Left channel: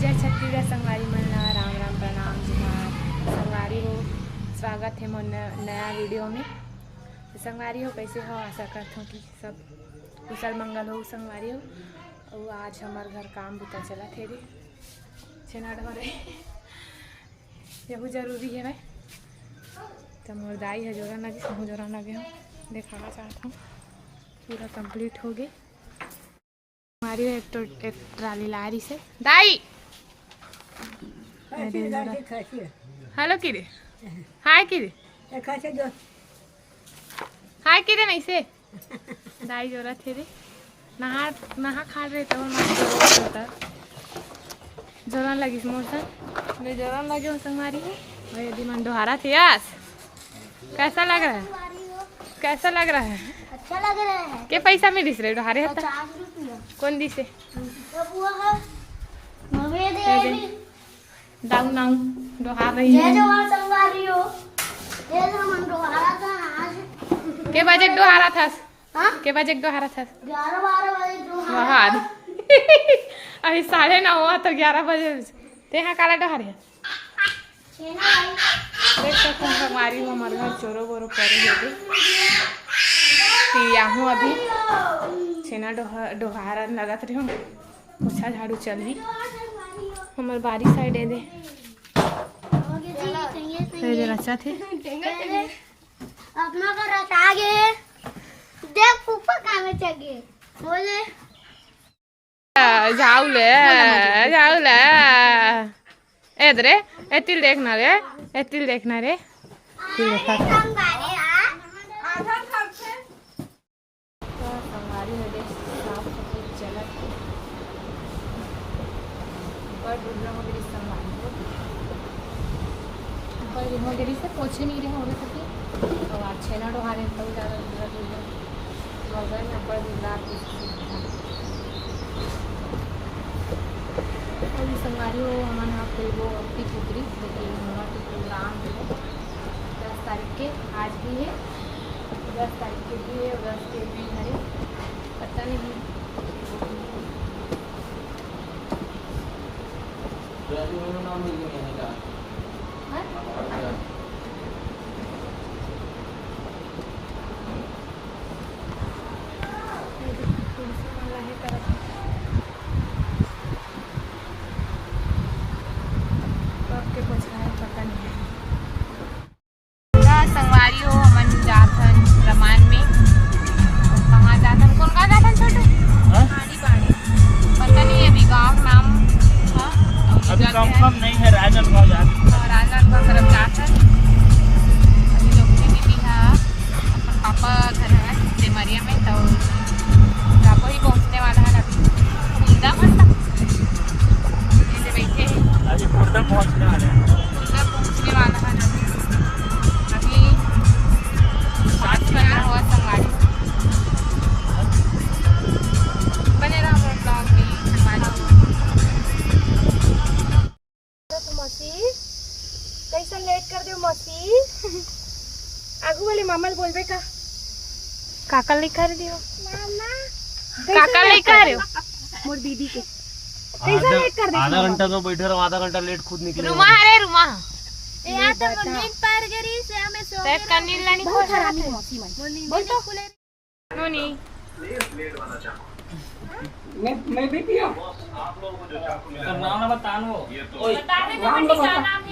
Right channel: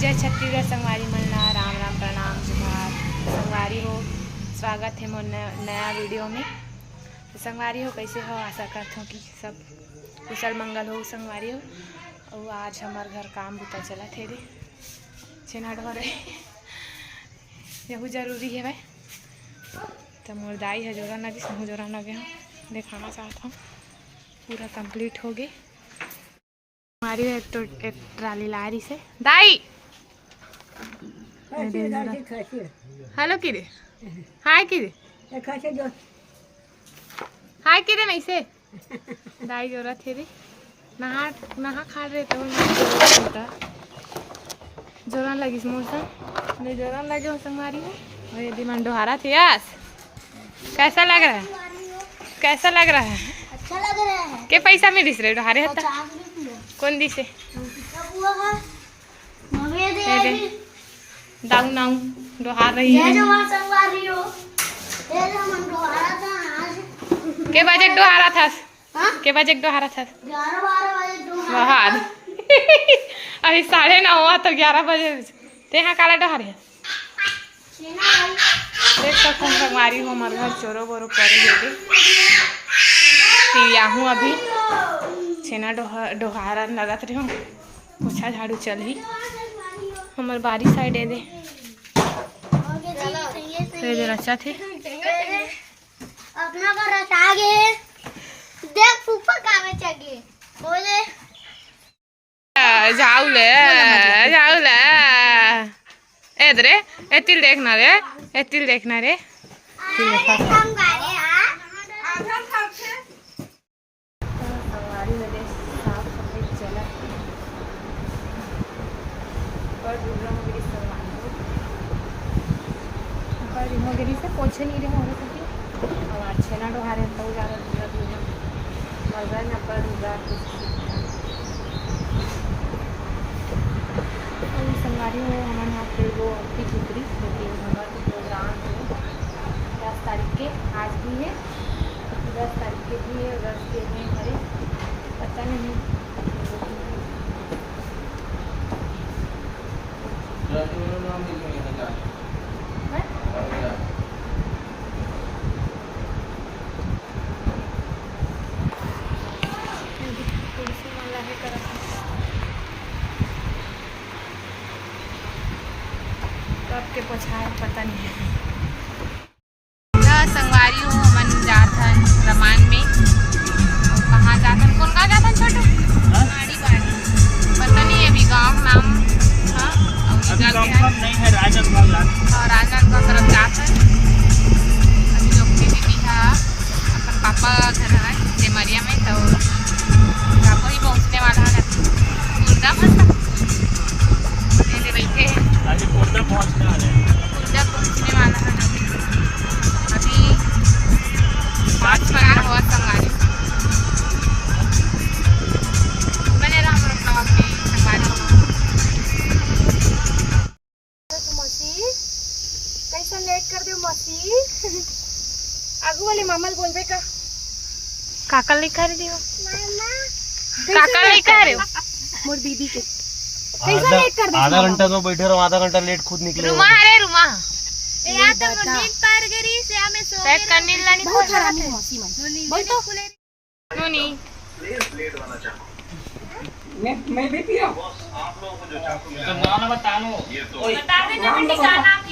जय छत्तीसगढ़ संगवारी मल्ला राम राम प्रणाम जुहार संगवारी हो। स्वागत है मोर नया वीडियो में। तो संगवारी हो कैसे हो, आशा करता हूँ कि सब कुशल मंगल हो संगवारी हो। और आज हमारे घर काम बुता चला थे रे छेनाट भरे यहू जरूरी है भाई। तो मोर दाई है जोरा लगे सहू जोरा लगे हम दिखाना चाहता हूँ पूरा कंप्लीट हो गए हमारी। एक ट्राली ला रही से दाई हेलो किरे हाय किरे हाय किरे नहीं से दाई जोरा थे रे नहा नहा खा रहे तो जोरा लगी मौसम जो जोरा लगे मौसम हमारी हो। और यदि मन डोहारा थे यास कैसा लग रहा है, कैसा लग रहा है? अच्छा लग रहा है। के पैसा में दिस रहे डोहारे हता कौन दिसे दाऊ नाऊ डोहार रही है के बजे डोहारा था के बजे डोहारा था 11-12 बाहर अभी 9:30 हुआ तो 11 बजे ते यहाँ काला डोहार है देख सकते हैं हमारी हो हमारे घर चोरो बोरो करे हुए थे हूँ अभी छेना डोहारा लगत रही हूँ पोछा झाड़ू चल ही हमारे बारी साइड दे इधर अच्छा थे अपना का रटा गए देख फूफा कामे चाहिए बोले जाऊले इधर एतिल देखना रे एतिल देखना रे वगैरह से पोछे नहीं रहे हो रहे सके और आज छेना डोहा रहे तो ज़्यादा दूसरा दूसरा नब्बे दूसरा और संगवारी हो हमारे यहाँ पे वो पिक उतरी लेकिन हमारा प्रोग्राम है 10 तारीख के आज भी है 10 तारीख के भी है 10 के भी हरे पता नहीं के पोछाए पता नहीं है। संगवारी हो मन जाथन रमान में और कहाँ जाथन कौन कहाँ जाथन छोटू पता नहीं है अभी गाँव नाम नहीं है राजनांदगांव तरफ जाथन अभी लोग की दीदी है अपन पापा घर है देमरिया में तो पापा ही पहुँचने वाला है खुर्दा फंसा बैठे पहुँचने वाला है अभी 5:15 हुआ संगवारी बने रहा हमारे ब्लॉग में संगवारी तो मौसी कैसा लेट कर दो मौसी आगू वाले मामल बोलबे का काका लिखा रही हो काका लिखा रहे हो मोर दीदी के कैसा लेट कर दे आधा घंटा तो बैठे रहो आधा घंटा लेट खुद निकले रुमा है रुमा यार तो नींद पार गरी से हमें सो पैक करने लानी खोज रहा है बोल तो नोनी मैं भी पिया आप लोगों को जो नाम बतानो ये तो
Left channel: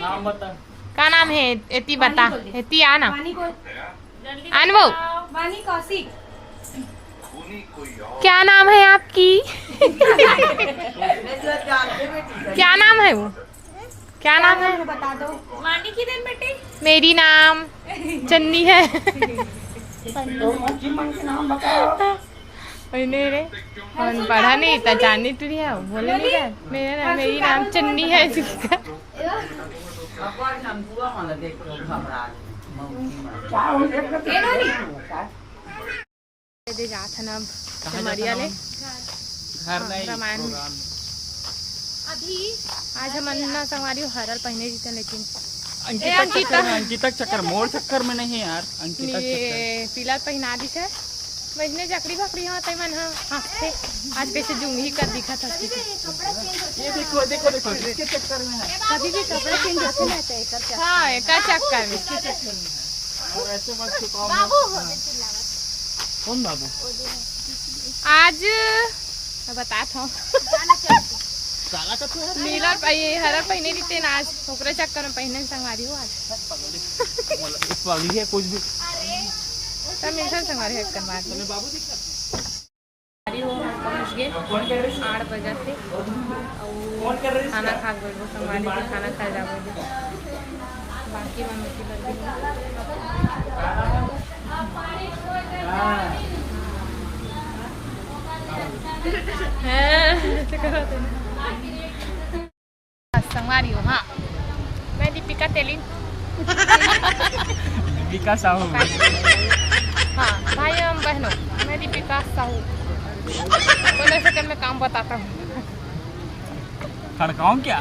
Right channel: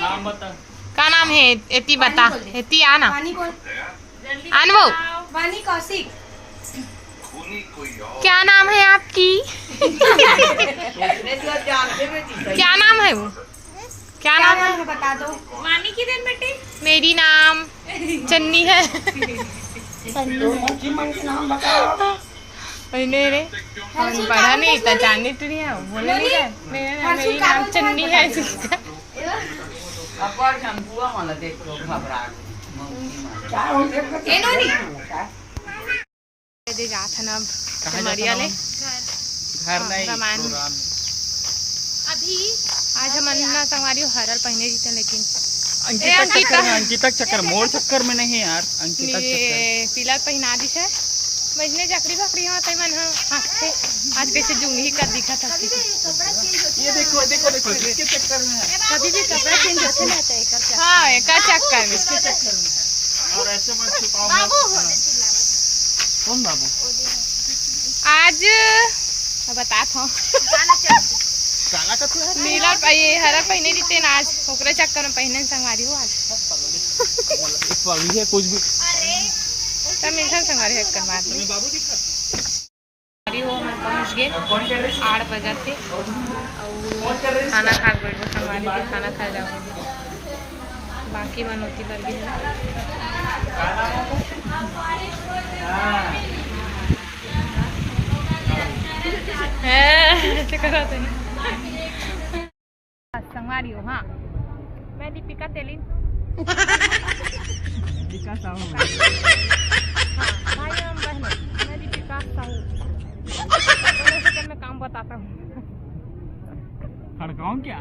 नाम बता का नाम है एती बता एती आना अनुभव वानी कौशिक क्या नाम है आपकी क्या नाम है वो क्या नाम है बता दो वानी की दिन बेटे मेरी नाम चन्नी है रे पढ़ा नहीं था जाननी तो नहीं है बोले नहीं है मेरी नाम चन्नी है दे जाथन अब सिमरिया ले रामायण में अभी आज हम अन्ना संगवारी हरल पहने जीते लेकिन अंकिता चक्कर मोर चक्कर में नहीं यार अंकिता पीला पहना दी है मजने चकरी फकरी हाँ तय मन हाँ हंसते आज कैसे जूंगी ही कर दिखा था कि ये देखो देखो देखो इसके चक्कर में है। कभी भी कपड़ा चेंज होते रहता है कर हाँ एक चक्कर में इसके चक्कर में है। और ऐसे मत छुपाओ मत। बाबू होने चिल्ला कौन बाबू? आज बता था गाना चलते काला का तो नीला ये हरा पहने दीते ना आज ओकरे चक्कर में पहने संगवारी हो आज एक पगली है कुछ भी। अरे सब इंसान संगवारी है करवा दे तुम्हें बाबू दिखा संगवारी हो हम पहुंच गए 8 बजे से और खाना खा गए वो संगवारी के खाना खा जाओगे बाकी मनोती पर भी है करो तो संगवारी हो हाँ मैं दीपिका तेलिन दीपिका साहू। हाँ भाई हम बहनों मैं दीपिका साहू बोले से मैं काम बताता हूँ खड़काऊं क्या?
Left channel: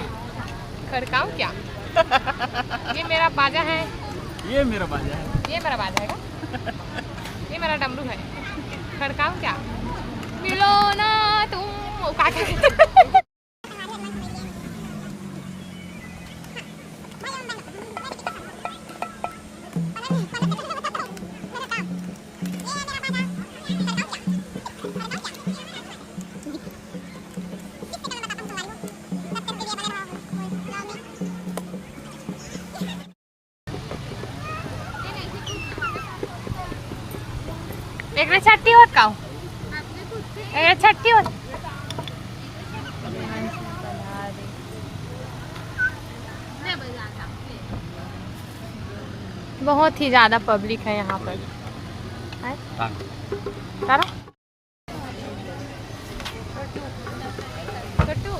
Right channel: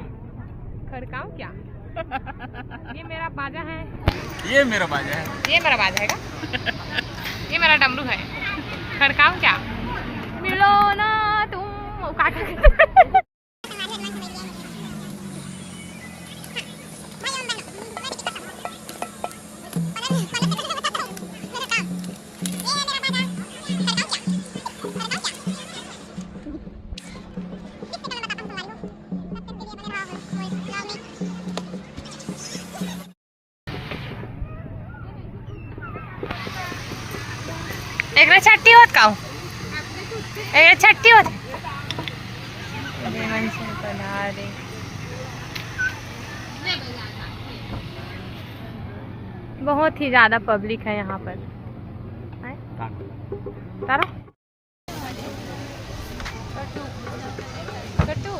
खड़काऊं क्या ये मेरा बाजा है ये मेरा बाजा है। ये मेरा बाजा है ये मेरा डमरू है खड़काऊं क्या मिलो ना तुम का एक छट्टी होत का एक छट्टी होत बहुत ही ज्यादा पब्लिक है यहाँ पर तारा कट्टू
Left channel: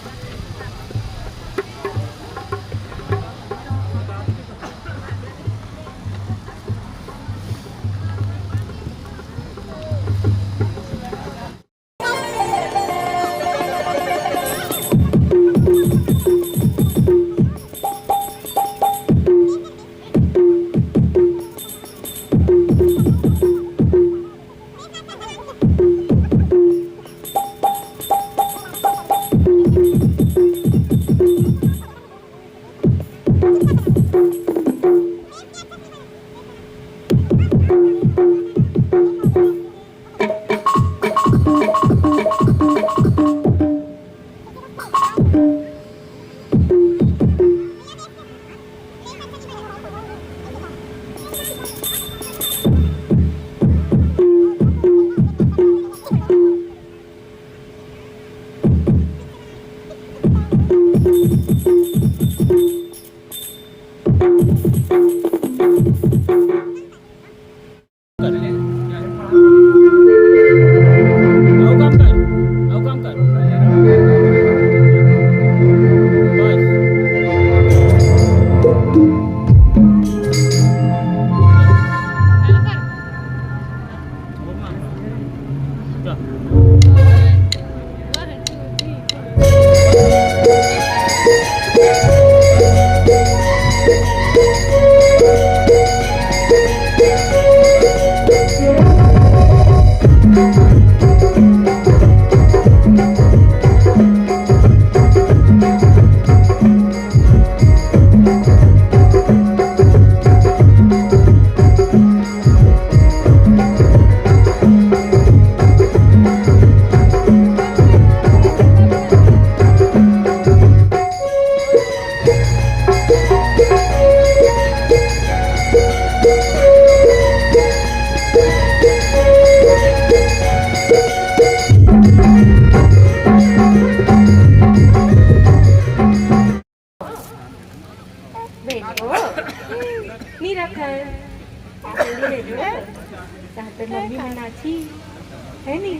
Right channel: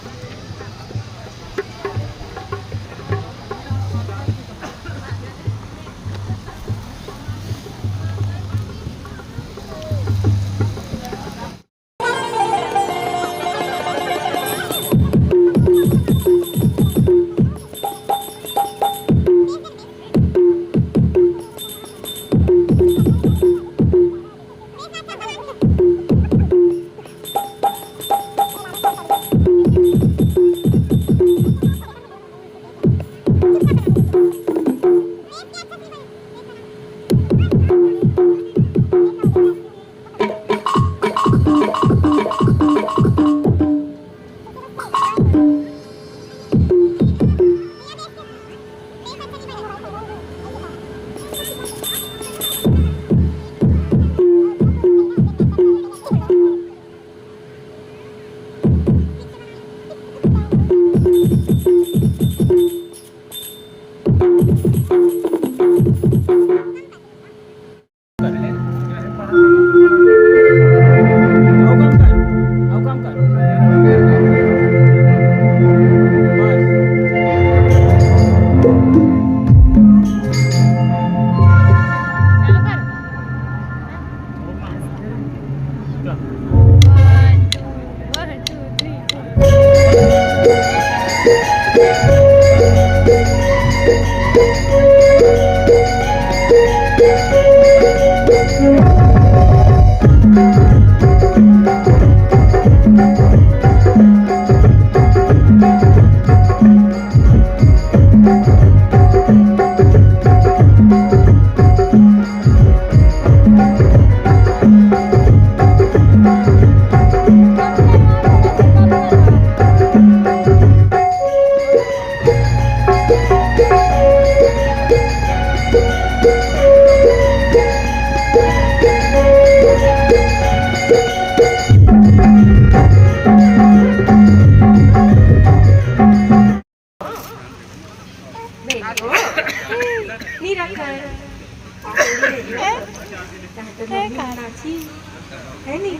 है नहीं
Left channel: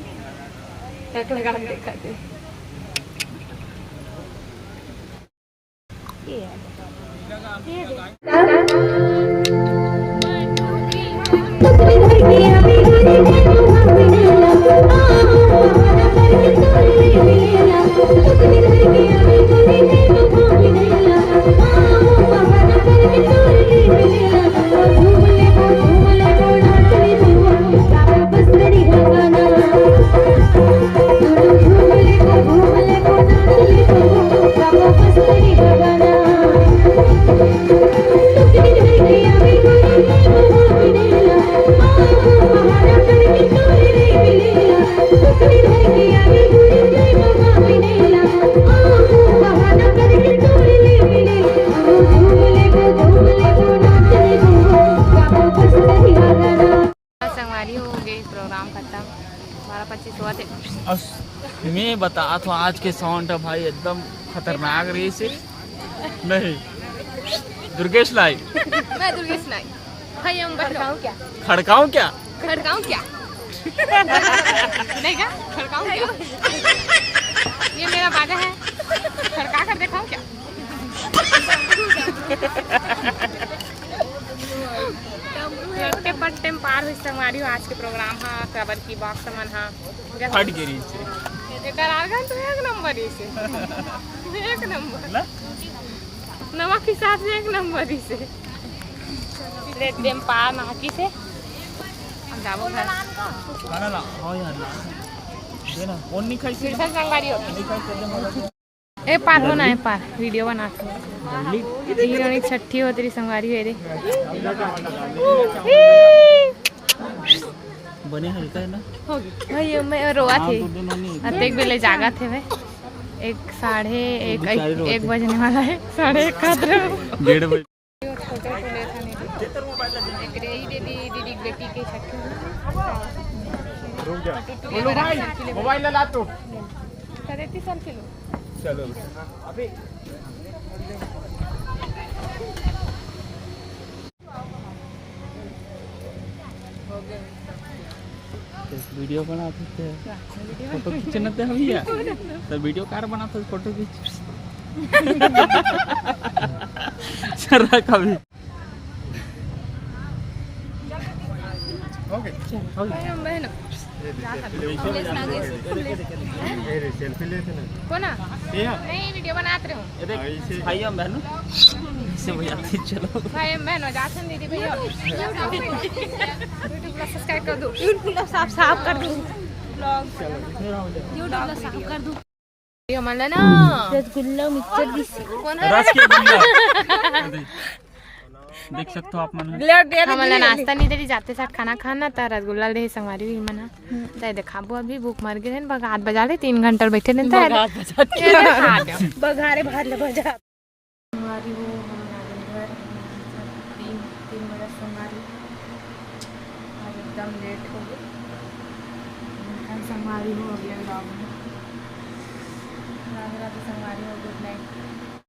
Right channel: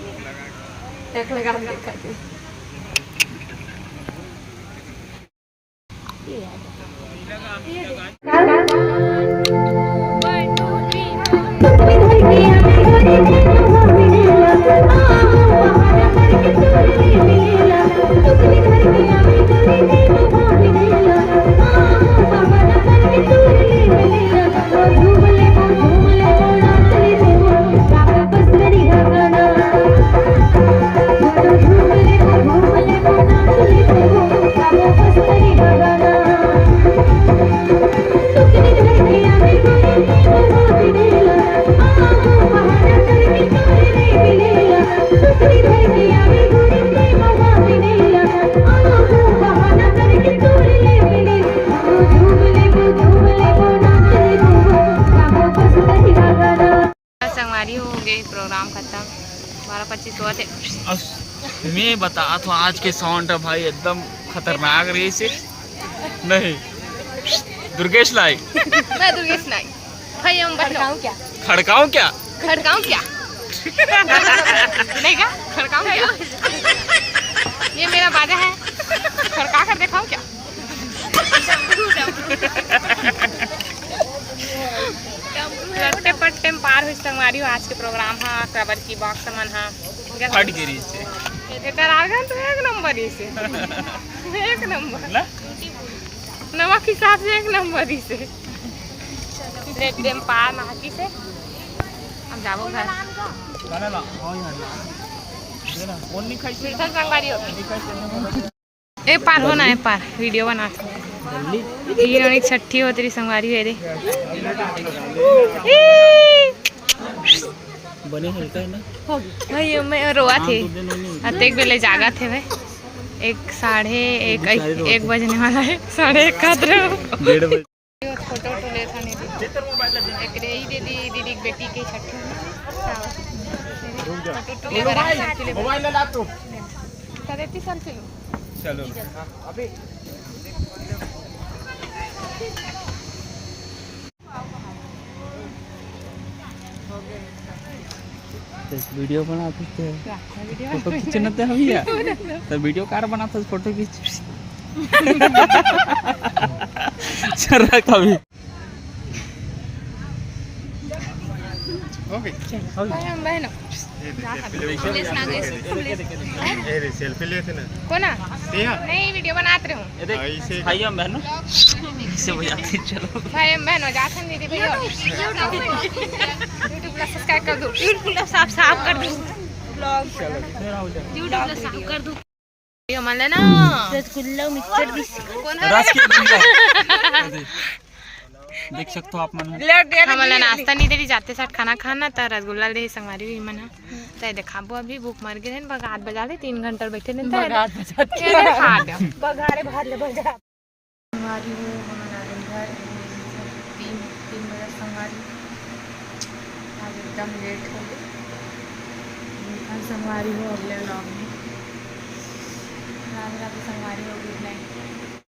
टक लगा दिखाते ये याद 25 हुआ थे। मैं बता तो आज के साउंड है भाई एकदम खतरनाक रही से नहीं दुर्गेश लाई मैं दुर्गेश नाई भाई हम खड़काऊं क्या खड़काऊं क्या खड़काऊं क्या नहीं क्या खड़काऊं क्या ये मेरा बाजा है खड़का कर दिखाऊं क्या लट्टे पट्टे में पार हुई संगवारी हो आज के प्रोग्राम हा कबर की बॉक्स मन हा फट गिरी से तो एक नंबर इसे एक नंबर नमक के साथ एक नंबर इसे रेड गेम पार नाकी से हम जाबो घर संगवारी हो ए पार हो ना ए पार वीडियो बना हीरोइन छठी हो तेरी संगवारी है रे बने हल्का है ना भाई मैं रोआ थे अतेक बेले जागा थे भाई 1 बजने वाला है 1:30 का डेढ़ बजे फोटो तो ले था नहीं एक रे ही दीदी की बेटी की छठी फोटो ले बरा सेल्फी ले मोबाइल ला तो करेती सेल्फी लो चलो अभी वीडियो बनाते थे फोटो खींचने थे हम या तो वीडियो कार बनाते थे फोटो खींच चल रहा कभी भाई हम बहन सेल्फी लेते ना कोना तेरा नहीं वीडियो बनाते रहूं ऐसे भाई हम बहनों इससे बजाते चलो भाई हम बहन जाते हैं दीदी भैया यूट्यूब प्लस सब्सक्राइब कर दो यूट्यूब साफ कर दो ब्लॉग यूट्यूब साफ कर दो ये मला ना रसगुल्ला मिक्सचर दिस कोण रस के बंदा देख सकते हो आप मन हमारा नाश्ता नहीं देरी जाते साथ खाना खाना तो रसगुल्ला ले संगवारी हुई मना तो देखाबो अभी भूख मर गए हैं बगात बजा दे 3 घंटा बैठे नहीं तो बघारे बाहर ले बजा संगवारी हो हमारा घर 3 बजे संगवारी आज एकदम लेट हो गए संगवारी हो अगले व्लॉग में राधे राधे संगवारी हो गुड नाइट।